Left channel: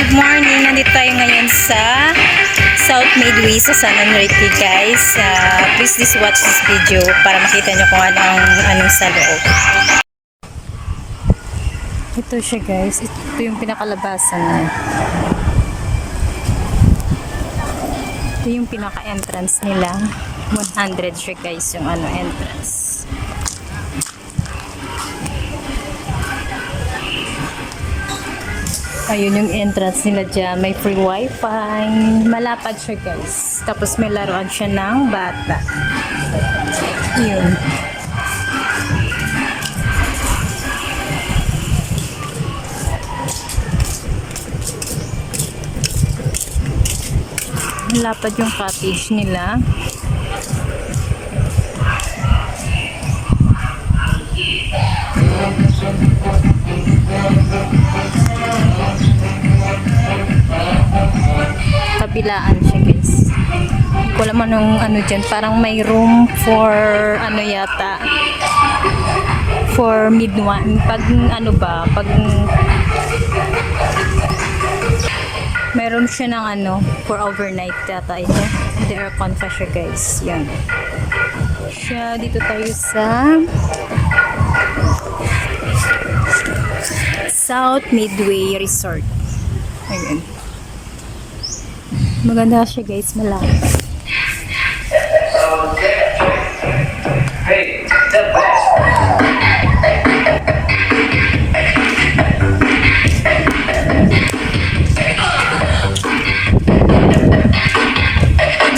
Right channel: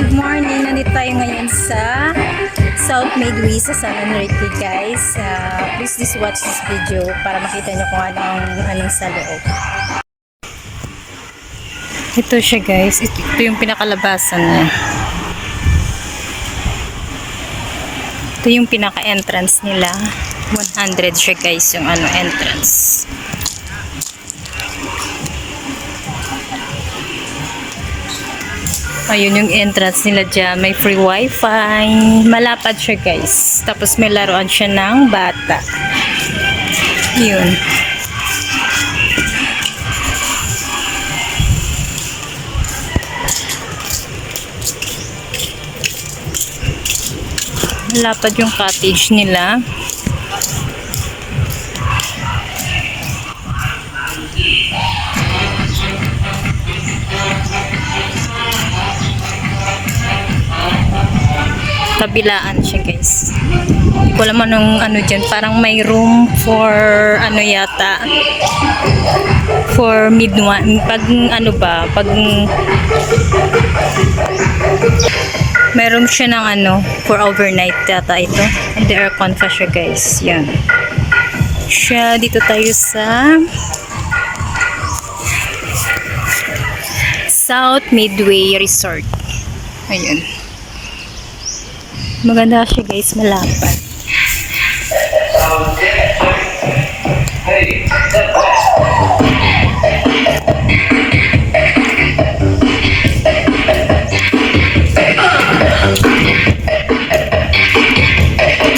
good morning. Nandito tayo ngayon sa South Midway sa San Enrique, guys. Please watch this video para makita nyo kung anong sa loob. Ito siya, guys. Ito yung pinakalabasan niya. Ito yung pinaka-entrance nila. 100 siya, guys, yung entrance. Ayun yung entrance nila dyan. May free wifi. Malapad siya, guys. Tapos may laruan siya ng bata. Yun. Malapad yung cottage nila. Kabilaan siya, guys. Hindi ko alam anong dyan. Parang may room for yata for midnight. Pag meron siya ng for overnight yata ito. And the aircon pa siya, guys. Yan. Siya, dito tayo sa South Midway Resort. Ayun. Maganda siya, guys, malapad.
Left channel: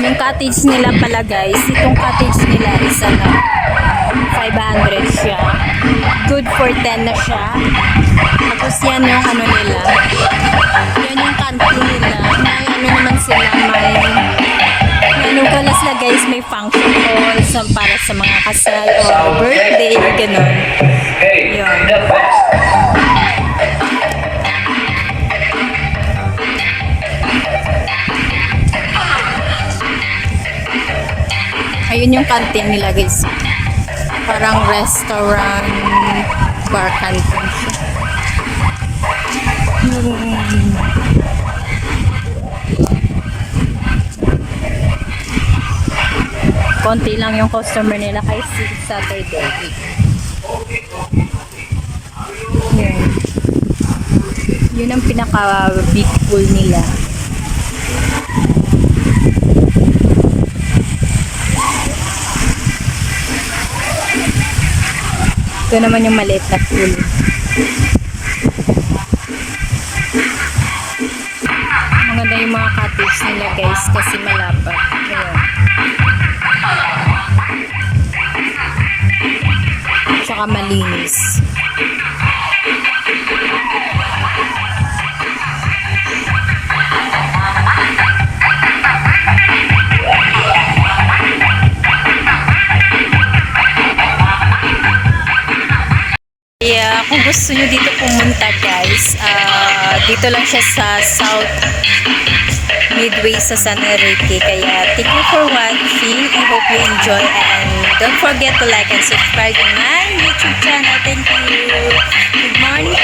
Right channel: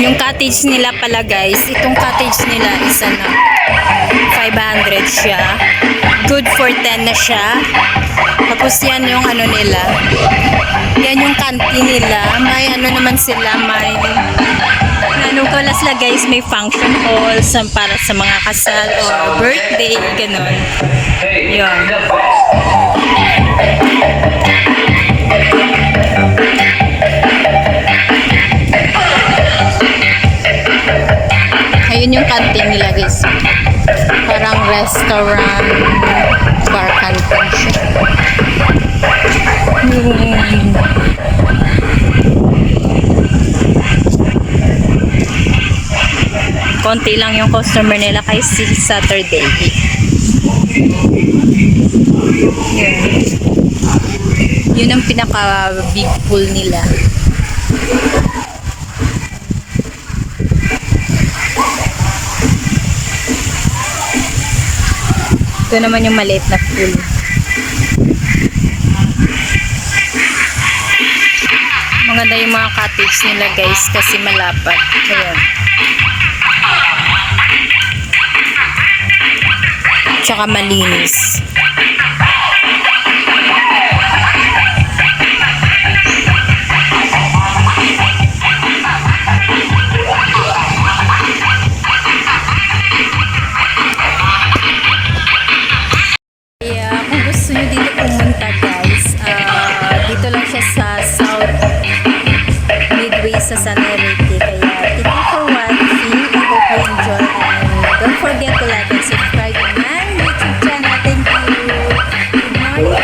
Yung cottage nila pala, guys, itong cottage nila is 500 siya. Good for 10 na siya. Tapos yan yung nila. Yan yung canteen nila. May naman sila, may kalas la, guys, may function hall para sa mga kasal or birthday, ganon. Yun. Ayun yung canteen nila, guys. Parang restaurant, bar canteen siya. Konti lang yung customer nila kasi Saturday. Yun ang pinaka big pool nila. Ito naman yung maliit na pool. Maganda yung mga cottage nila, guys, kasi malapad. Ayan. Tsaka malinis. Kaya kung gusto nyo dito pumunta, guys, dito lang siya sa South Midway sa San Enrique. Kaya thank you for watching. I hope you enjoy and don't forget to like and subscribe to my YouTube channel. Thank you. Good morning.